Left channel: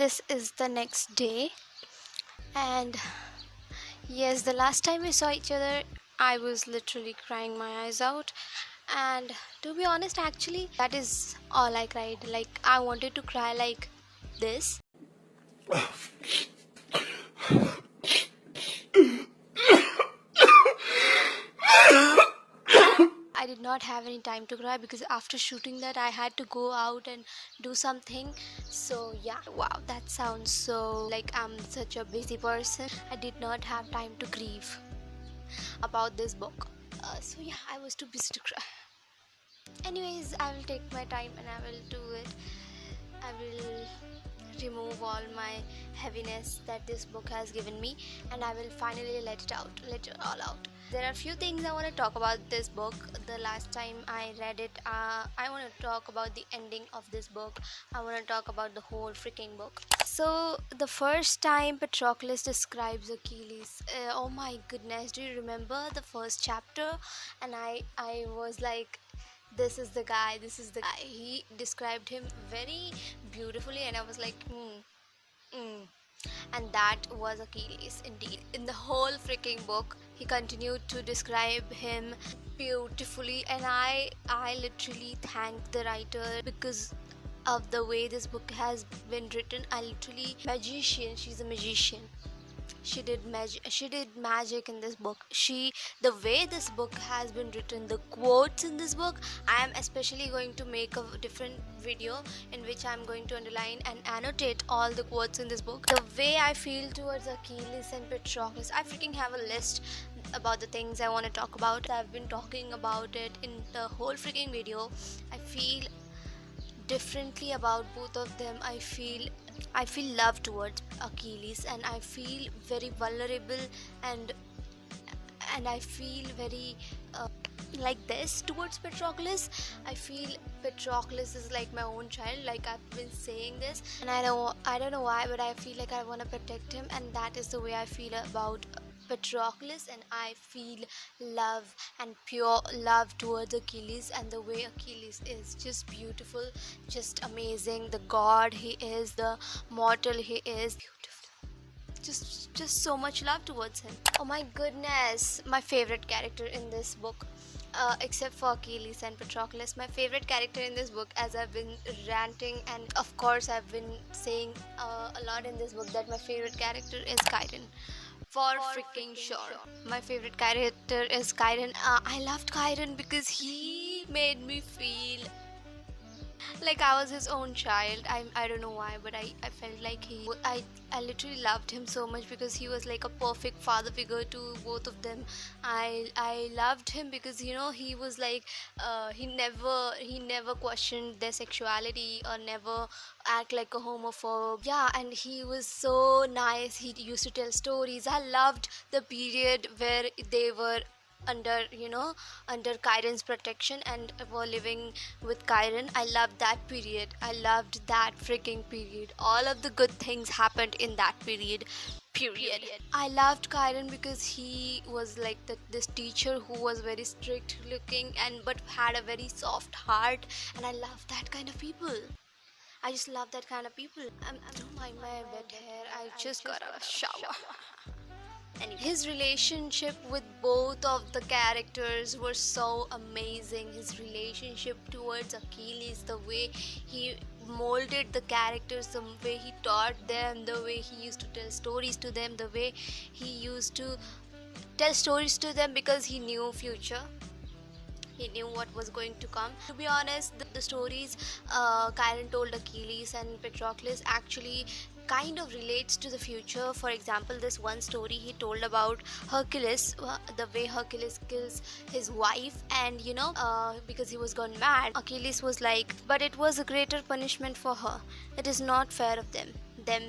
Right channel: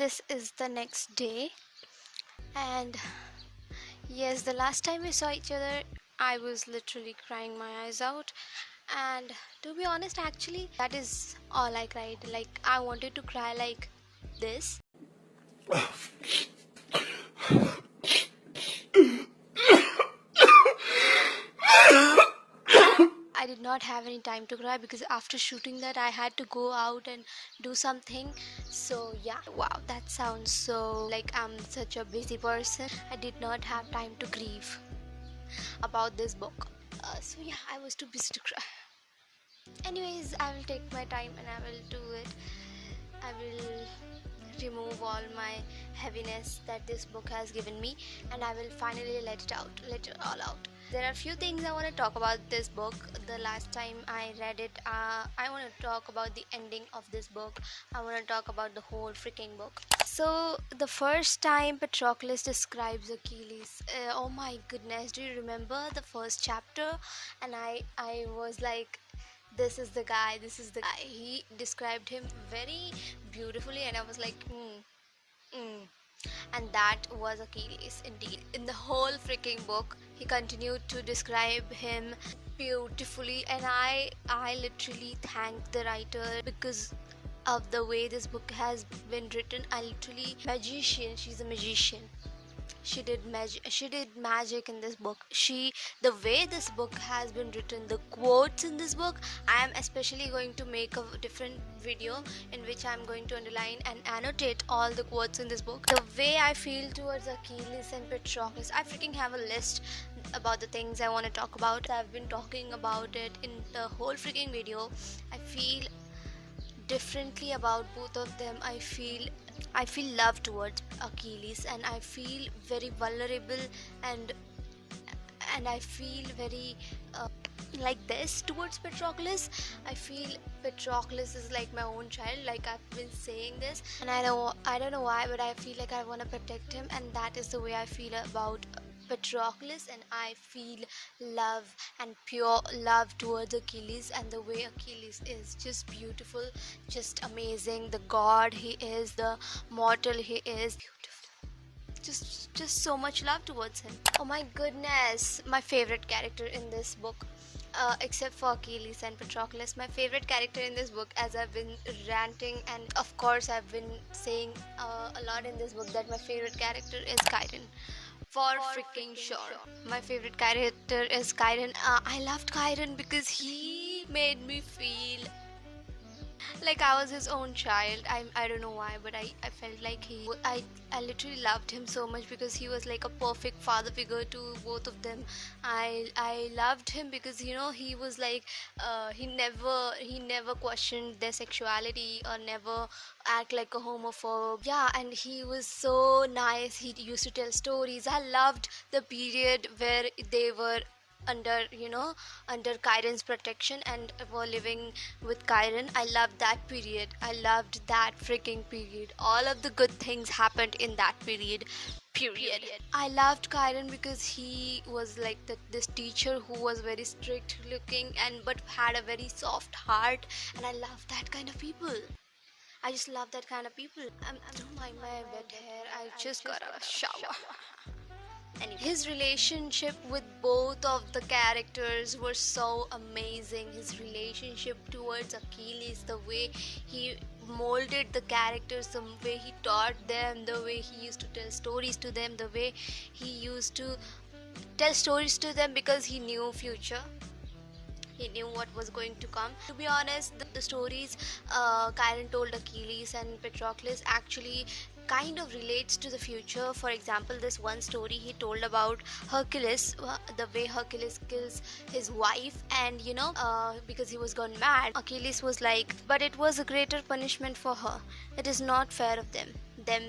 this is the next day, and yes, the last time we saw each other, I was literally crying my eyes out. And to be honest, actually, that is all I cried. Like, I wanted to cry like this. I did not have any time to cry because after shooting that, I had to go out and do something. So, yeah, wow, that sounds so like I'm such a busy person. I did not have time to grieve about this book. So, yeah, I was too busy to cry. Anyways, I will take my time and I will do it. I will remove all my heaviness that this book has given me, and I will finally let it all out. There are a few things I want to talk about this book. The last time I read it, I want to talk about the ending of this book. I want to talk about the whole freaking book. So the first time Patroclus describes Achilles, oh my goodness, do you remember the first chapter? And I was like, this is the guy. He described him very beautifully, and I was like, and that was Achilles indeed. In the whole freaking book, he continued to describe him beautifully, and I literally thank the writer because of the way this book has been written. She's a magician. She did magic in this book. The way this book has been written, the quotes in this book, I am especially going to make a different video in which I am going to underline and annotate all the quotes in this book. The way I feel towards Achilles and Patroclus, I freaking have a list about the things I want to talk about. I've been talking about it in the whole freaking video. I feel differently about both of them. I feel love towards Achilles, and I feel very vulnerable, and I feel very like this towards Patroclus. I feel Patroclus is like my own child, like I've been saying this, and I don't know why, but I feel like I want to protect him, and that is the way I feel about Patroclus. And I feel love and pure love towards Achilles, and the way Achilles is just beautiful, just amazing. The god he is, the mortal he is, beautiful. Just so much love towards him. Oh my goodness, my favorite character in this book, except for Achilles and Patroclus, my favorite character in this book, as I've been ranting, and of course I've been saying a lot in this book, that my favorite character is Chiron. For freaking sure, my favorite character is Chiron. I loved Chiron because he made me feel like I was his own child. I don't know why, but I felt like I literally loved him so much because he was like a perfect father figure to both of them. I loved him because he was like he never questioned their sexuality or never act like a homophobe. Yeah, and he was so nice. He used to tell stories. I loved the period where they were under Chiron's protection and were living with Chiron. I loved that period. I loved that freaking period. All of the good things happened in that period. I loved Chiron because he was like this teacher who was very strict looking but had a very soft heart, and I love that kind of people. I just love that kind of people. I don't mind my wet hair. I just got a shower. His relationship with both of the characters were so amazing. His relationship towards Achilles, the way he molded the characters, the way he taught them, the way he used to tell stories to them, the way he used to tell stories to them because he knew future. He knew what was going to come. To be honest, the stories Chiron told Achilles and Patroclus actually kind of relates to the future. For example, this one story he told about Hercules, the way Hercules kills his wife, and because he was gone mad, Achilles was like, but it was a greater punishment for her. It is not fair of them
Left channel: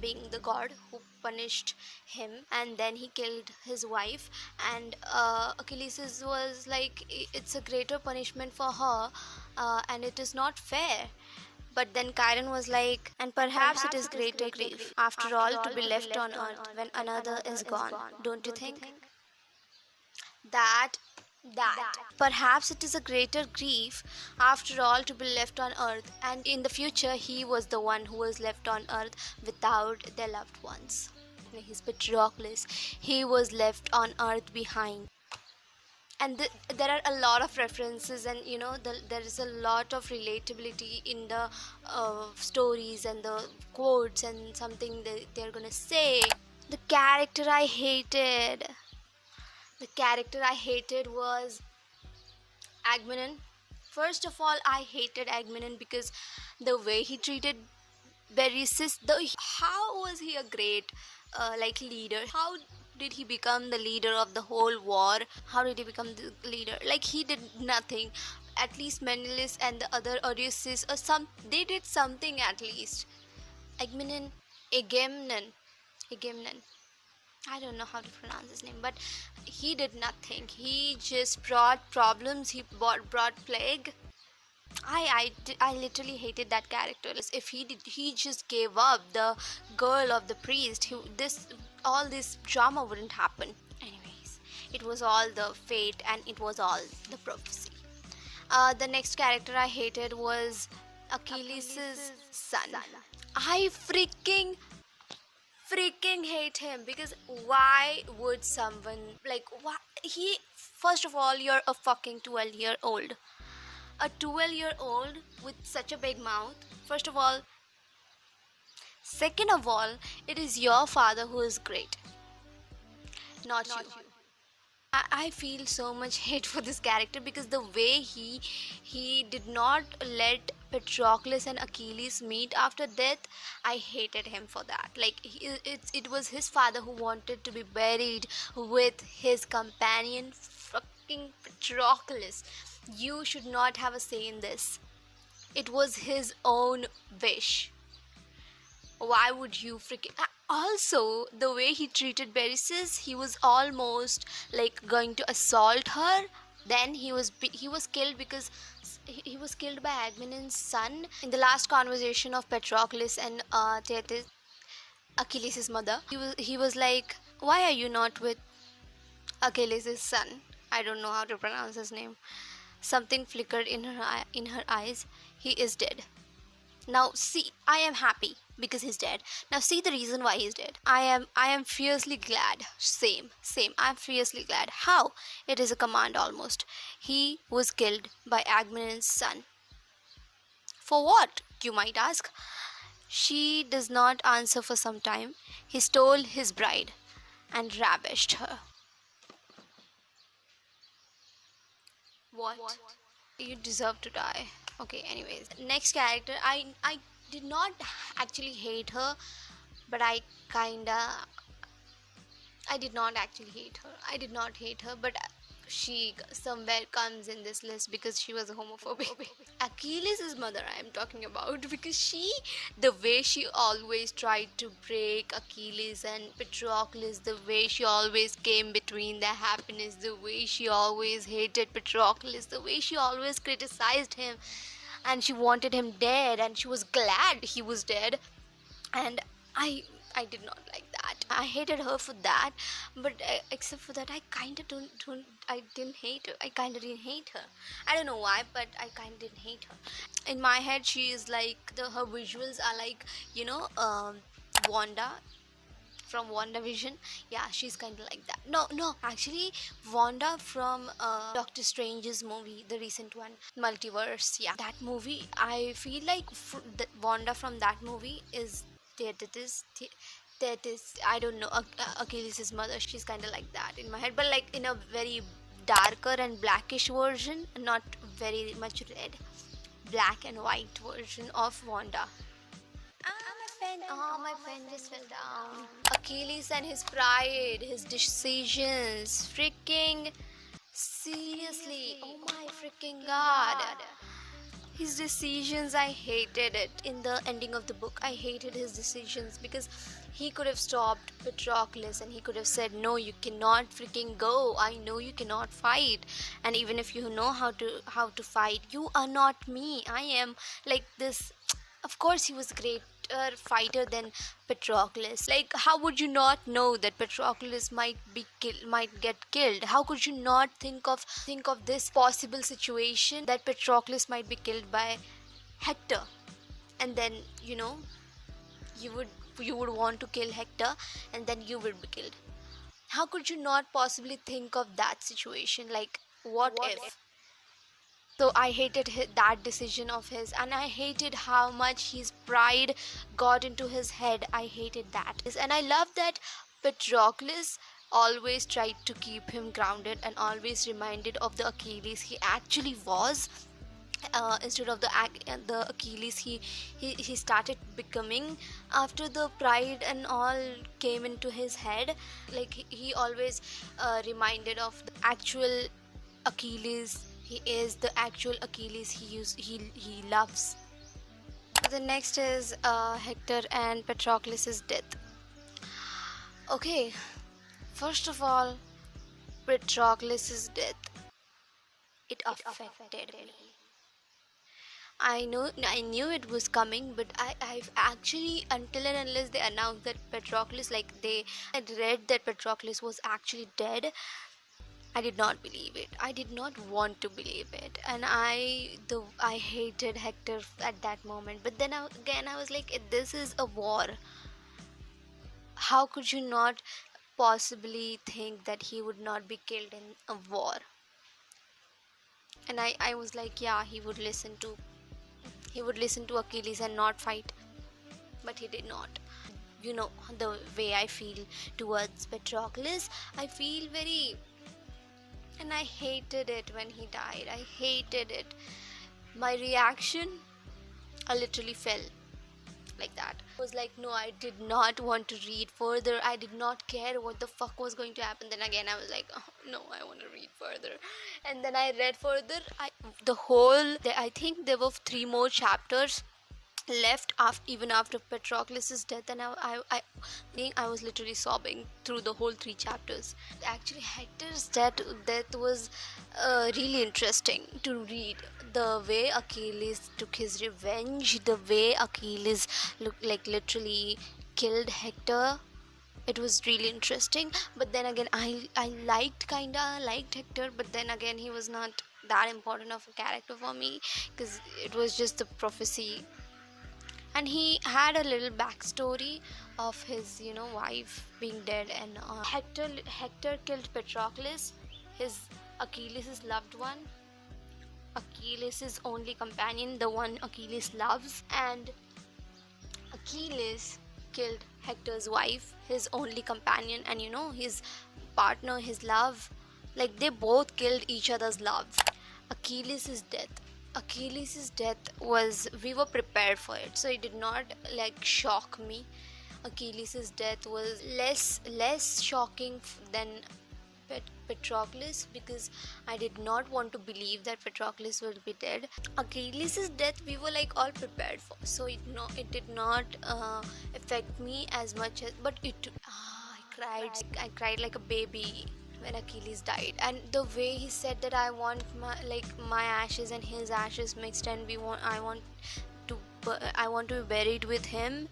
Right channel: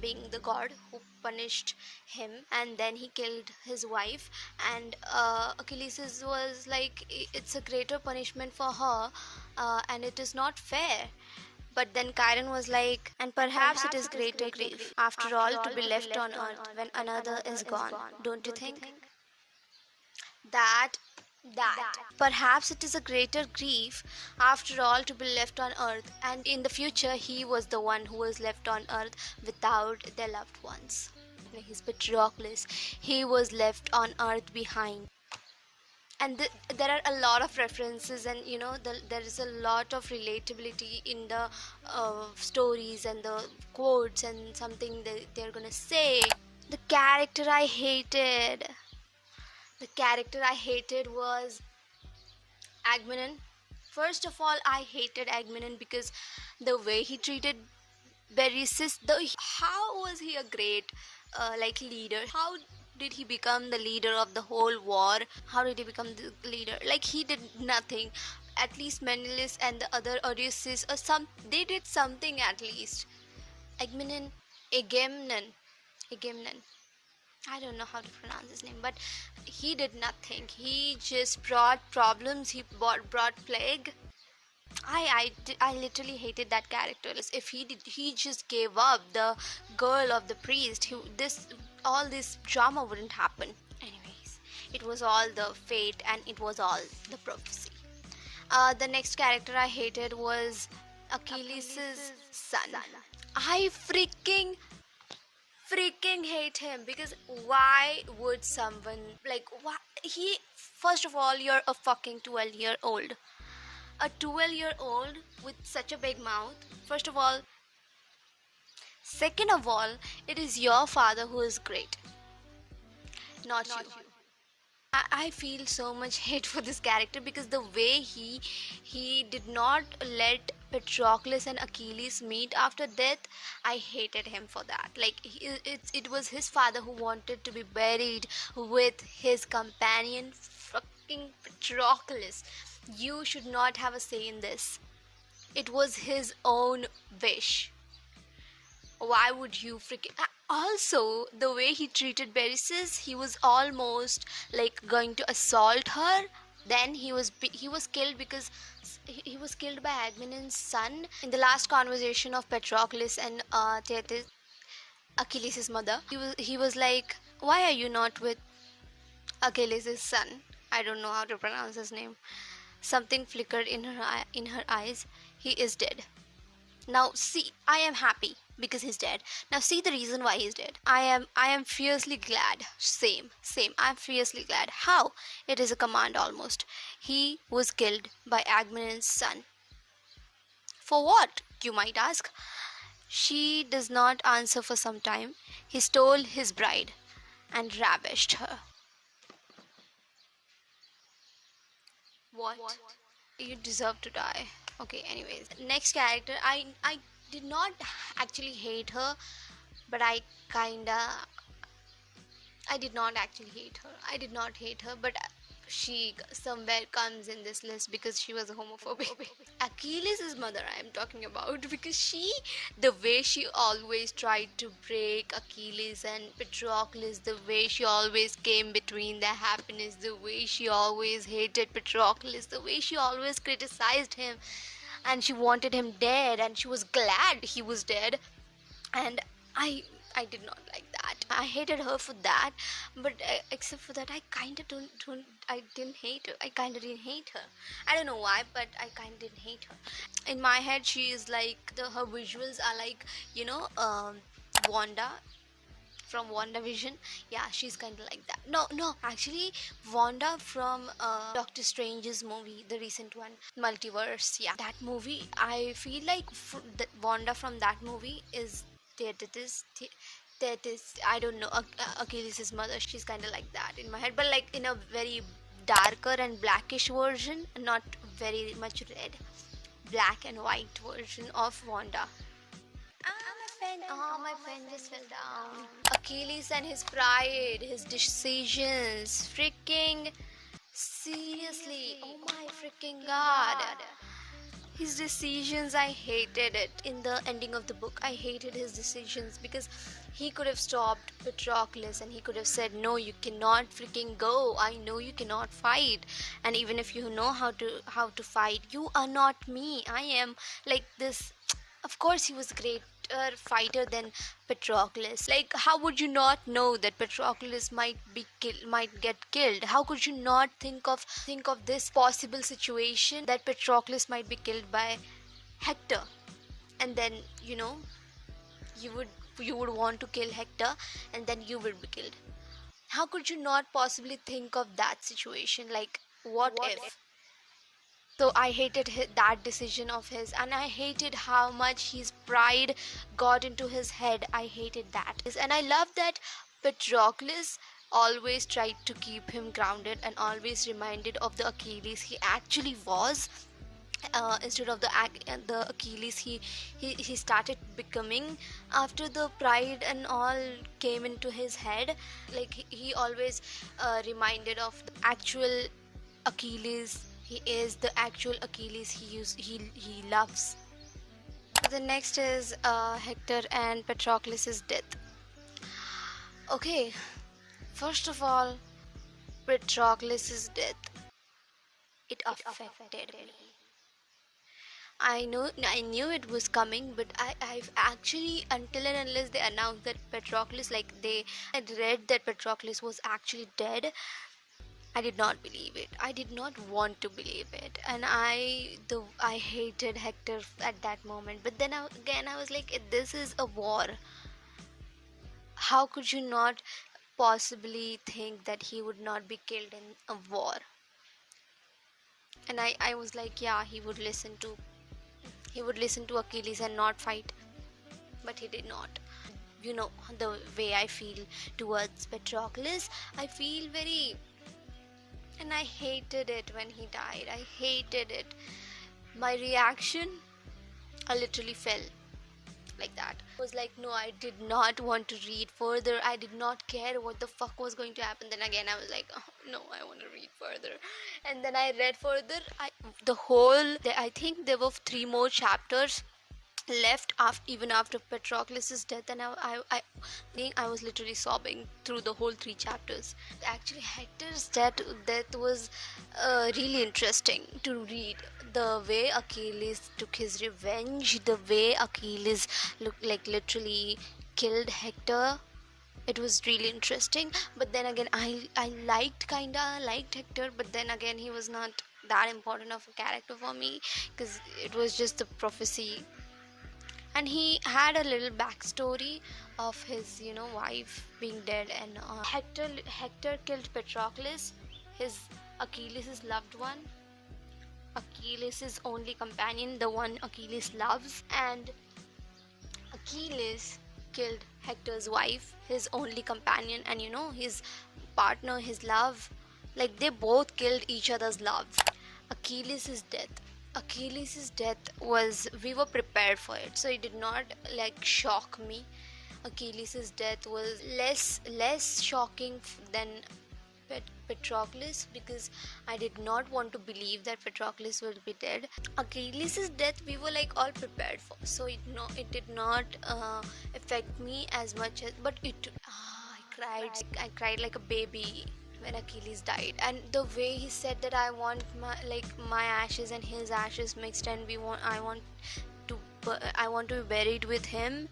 being the god who punished him, and then he killed his wife, and Achilles was like, it's a greater punishment for her, and it is not fair. But then Chiron was like, and perhaps it is greater grief, after all, to be left on earth when another is gone. Don't you think? That that perhaps it is a greater grief after all to be left on earth, and in the future he was the one who was left on earth without their loved ones. His Patroclus, he was left on earth behind. And there are a lot of references, and there is a lot of relatability in the stories and the quotes and something that they're gonna say. The character I hated. The character I hated was Agmenon. First of all, I hated Agmenon because the way he treated Berenice. How was he a great leader? How did he become the leader of the whole war? How did he become the leader? Like, he did nothing. At least Menelaus and the other Odysseus or they did something at least. Agamemnon. I don't know how to pronounce his name, but he did nothing. He just brought problems. He brought plague. I literally hated that character. If he just gave up the girl of the priest, all this drama wouldn't happen. Anyways, it was all the fate and it was all the prophecy. The next character I hated was Achilles' son. I freaking hate him because why would someone first of all, you're a fucking 12-year-old. A 12-year-old with such a big mouth, first of all. Second of all, it is your father who is great, not you. I feel so much hate for this character because the way he did not let Patroclus and Achilles meet after death, I hated him for that. It was his father who wanted to be buried with his companion, fucking Patroclus. You should not have a say in this. It was his own wish. Why would you freaking... Also, the way he treated Berenice, he was almost going to assault her. Then he was killed because he was killed by Agamemnon's son in the last conversation of Patroclus and Thetis, Achilles' mother. He was like, why are you not with Achilles' son? I don't know how to pronounce his name. Something flickered in her eyes. He is dead. Now see, I am happy because he's dead. Now see the reason why he's dead. I am fiercely glad. Same. I'm fiercely glad. How? It is a command almost. He was killed by Agamemnon's son. For what, you might ask? She does not answer for some time. He stole his bride and ravished her. What? You deserve to die. Okay, anyways. Next character, I did not actually hate her, but I did not actually hate her. I did not hate her, but she somewhere comes in this list because she was a homophobic. Achilles' mother I am talking about, because the way she always tried to break Achilles and Patroclus, the way she always came between their happiness, the way she always hated Patroclus, the way she always criticized him, and she wanted him dead, and she was glad he was dead, and I did not like that. I hated her for that, but except for that, I didn't hate her. I kind of didn't hate her. I don't know why, but I kind of didn't hate her. In my head, she is her visuals are Wanda from WandaVision. Yeah, she's kind of like that. No, actually, Wanda from Doctor Strange's movie, the recent one, Multiverse. Yeah, that movie. I feel like Wanda from that movie is I don't know, Achilles' mother. She's kind of like that in my head, but in a very darker and blackish version, not very much red, black and white version of Wanda. My pen just fell down. Achilles and his pride, his decisions, freaking seriously, oh my freaking god. His decisions, I hated it. In the ending of the book, I hated his decisions because he could have stopped Patroclus and he could have said, no, you cannot freaking go. I know you cannot fight. And even if you know how to fight, you are not me. I am like this. Of course, he was great better fighter than Patroclus. Like, how would you not know that Patroclus might get killed? How could you not think of this possible situation that Patroclus might be killed by Hector? And then, you would you would want to kill Hector, and then you would be killed. How could you not possibly think of that situation? Like, what if? So I hated that decision of his, and I hated how much his pride got into his head. I hated that. And I love that Patroclus always tried to keep him grounded and always reminded of the Achilles he actually was. Instead of the Achilles he started becoming after the pride and all came into his head. Like, he always reminded of the actual Achilles. He is the actual Achilles he loves. The next is Hector and Patroclus's death. Okay, first of all, Patroclus's death, it affected me. I knew it was coming, but I've actually, until and unless they announced that Patroclus, like they had read that Patroclus was actually dead, I did not believe it. I did not want to believe it, and I hated Hector at that moment. But then I was like, this is a war. How could you not possibly think that he would not be killed in a war? And I was like, yeah, he would listen to Achilles and not fight. But he did not. You know the way I feel towards Patroclus. I feel very, and I hated it when he died. I hated it. My reaction, I literally fell like that. I was like, no, I did not want to read further. I did not care what the fuck was going to happen. Then again, I was like, oh, no, I want to read further. And then I read further. I think there were 3 more chapters left even after Patroclus's death, and I was literally sobbing through the whole 3 chapters. Actually, Hector's death was really interesting to read. The way Achilles took his revenge, the way Achilles literally killed Hector, it was really interesting. But then again, I liked Hector, but then again, he was not that important of a character for me, because it was just the prophecy. And he had a little backstory of his, wife being dead, and Hector killed Patroclus, his Achilles' loved one, Achilles' only companion, the one Achilles loves. And Achilles killed Hector's wife, his only companion, and his partner, his love. Like, they both killed each other's love. Achilles' death was, we were prepared for it, so it did not shock me. Achilles' death was less shocking than Patroclus, because I did not want to believe that Patroclus will be dead. Achilles' death we were all prepared for, so it did not affect me as much as, but I cried like a baby when Achilles died. And the way he said that I want my ashes and his ashes mixed, and I want to be buried with him.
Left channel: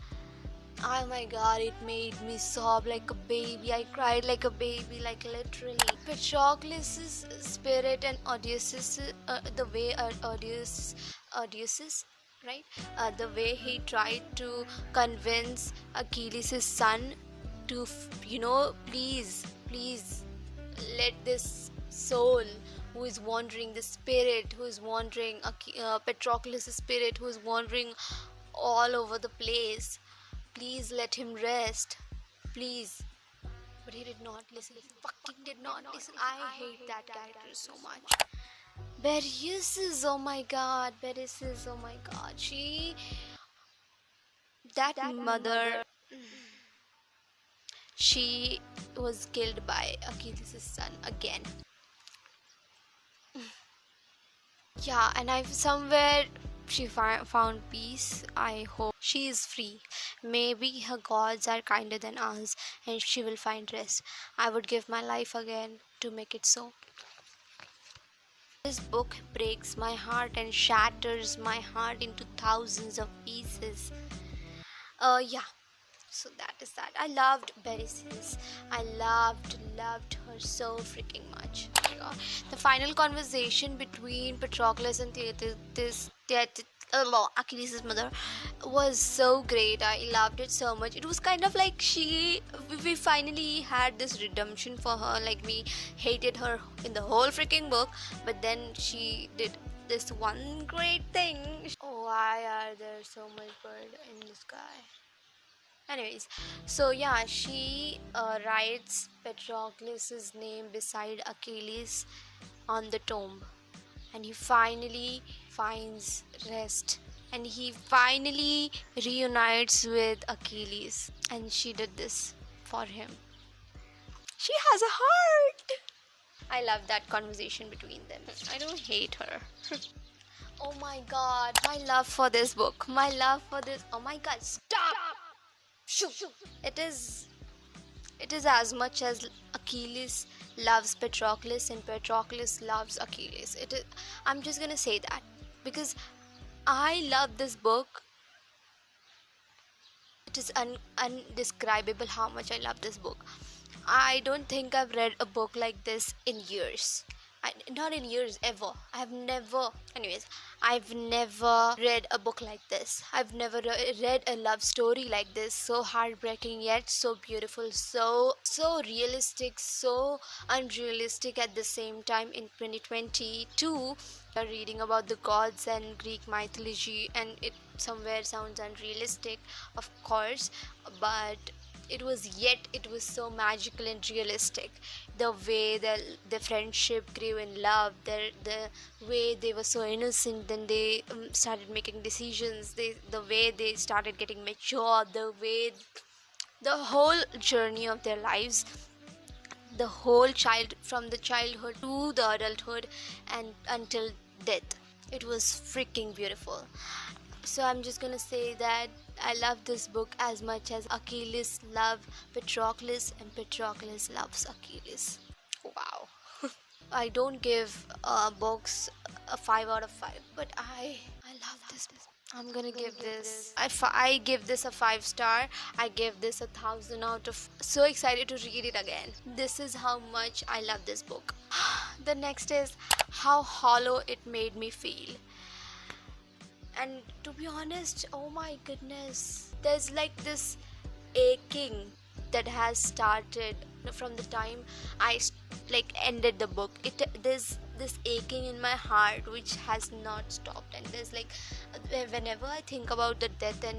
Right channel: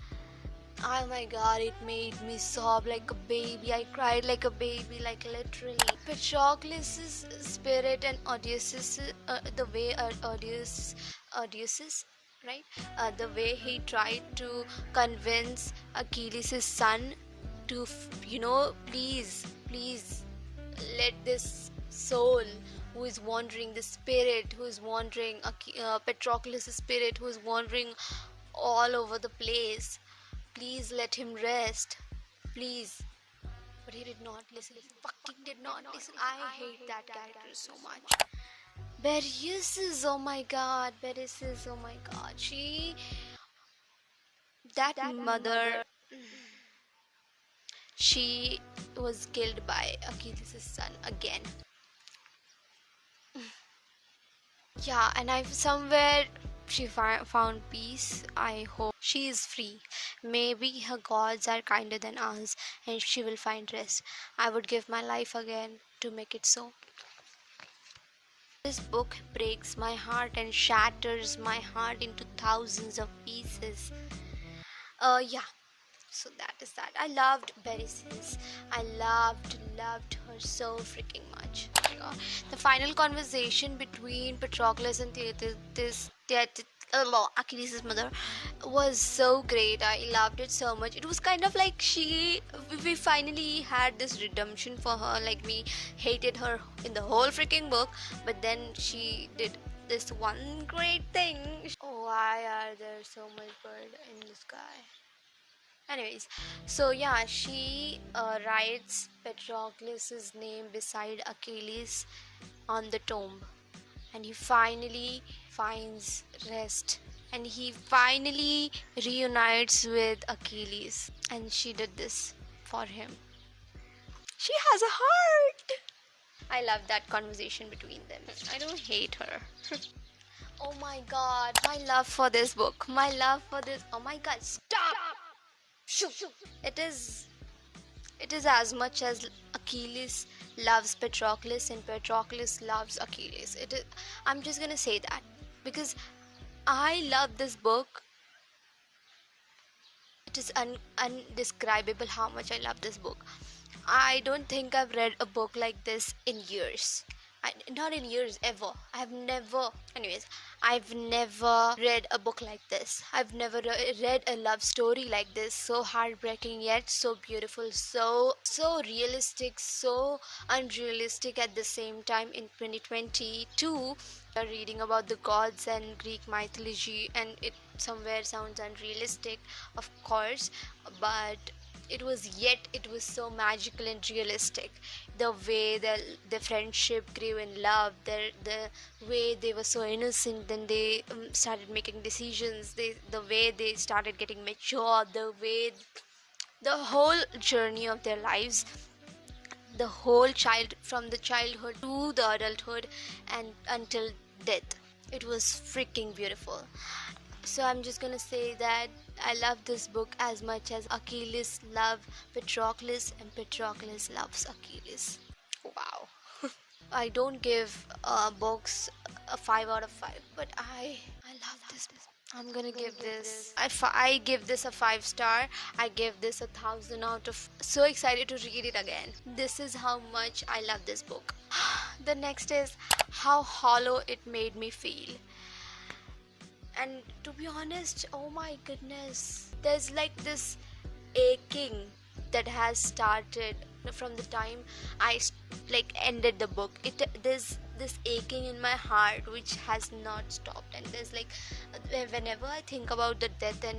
Oh my god, it made me sob like a baby. I cried like a baby, literally. Patroclus' spirit and Odysseus, the way Odysseus, right? The way he tried to convince Achilles' son to, please let this soul who is wandering, the spirit who is wandering, Patroclus' spirit who is wandering all over the place, please let him rest, please. But he did not listen. He fucking did not listen. I hate that character so much. Bereusis, oh my god. That mother, she was killed by Achilles' son again. Yeah, and she found peace. I hope she is free. Maybe her gods are kinder than us, and she will find rest. I would give my life again to make it so. This book breaks my heart and shatters my heart into thousands of pieces. Yeah. So that is that. I loved Beresies. I loved her so freaking much. Oh my god. The final conversation between Patroclus and Achilles' mother was so great. I loved it so much. It was kind of like we finally had this redemption for her. Like, we hated her in the whole freaking book, but then she did this one great thing. Why are there so much bird in the sky? Anyways, so yeah, she writes Patroclus's name beside Achilles on the tomb, and he finally finds rest, and he finally reunites with Achilles, and she did this for him. She has a heart. I love that conversation between them. I don't hate her. Oh my god, my love for this book. My love for this. Oh my god, stop! Shoo. It is as much as Achilles loves Patroclus and Patroclus loves Achilles. I'm just gonna say that because I love this book. It is undescribable how much I love this book. I don't think I've read a book like this in years. Not in years, ever. I've never read a book like this. I've never read a love story like this. So heartbreaking yet so beautiful, so realistic, so unrealistic at the same time. In 2022, we're reading about the gods and Greek mythology, and it somewhere sounds unrealistic, of course, but it was so magical and realistic. The way the friendship grew in love, the way they were so innocent, then they started making decisions, the way they started getting mature, the whole journey of their lives, the whole from the childhood to the adulthood and until death. It was freaking beautiful. So I'm just gonna say that I love this book as much as Achilles loves Patroclus and Patroclus loves Achilles. Wow. I don't give books a 5 out of 5, but I love this book. I'm gonna give this. I give this a 5-star. I give this 1,000 out of. So excited to read it again. This is how much I love this book. The next is how hollow it made me feel. And to be honest, oh my goodness, there's like this aching that has started from the time I ended the book. There's this aching in my heart which has not stopped, and there's like whenever I think about the death and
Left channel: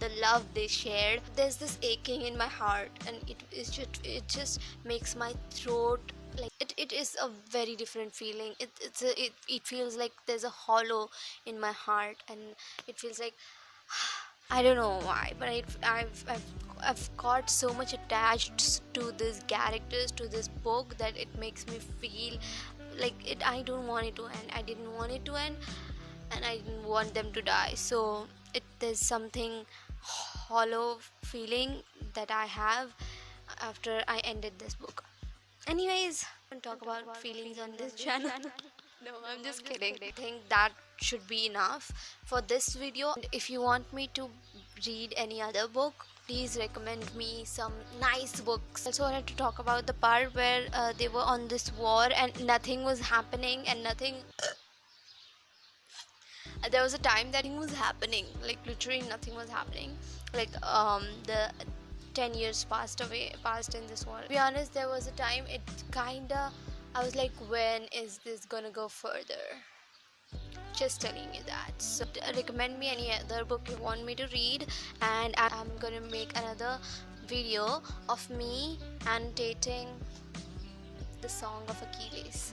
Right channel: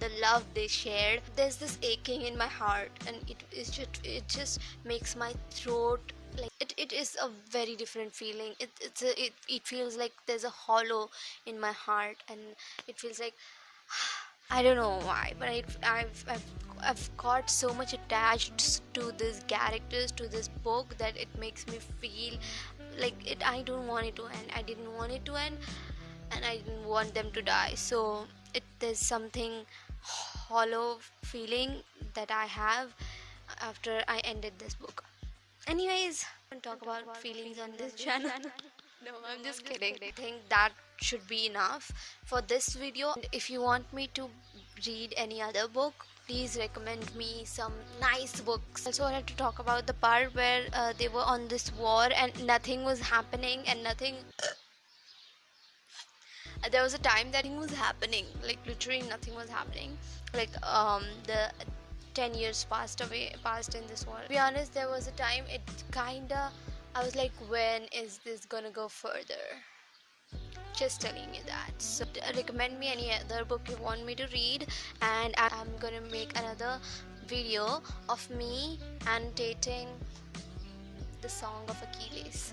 the love they shared, there's this aching in my heart, and it just makes my throat like it is a very different feeling. It feels like there's a hollow in my heart, and it feels like I don't know why, but I've got so much attached to these characters, to this book, that it makes me feel like I don't want it to end. I didn't want it to end, and I didn't want them to die. So there's something hollow feeling that I have after I ended this book. Anyways, I don't talk about feelings on this channel. No, I'm just kidding. I think that should be enough for this video. If you want me to read any other book, please recommend me some nice books. Also wanted to talk about the part where they were on this war and nothing was happening, and there was a time that nothing was happening, like literally nothing was happening. Like the 10 years passed in this war. To be honest, there was a time I was like, when is this gonna go further? Just telling you that. So recommend me any other book you want me to read, and I'm gonna make another video of me annotating the Song of Achilles.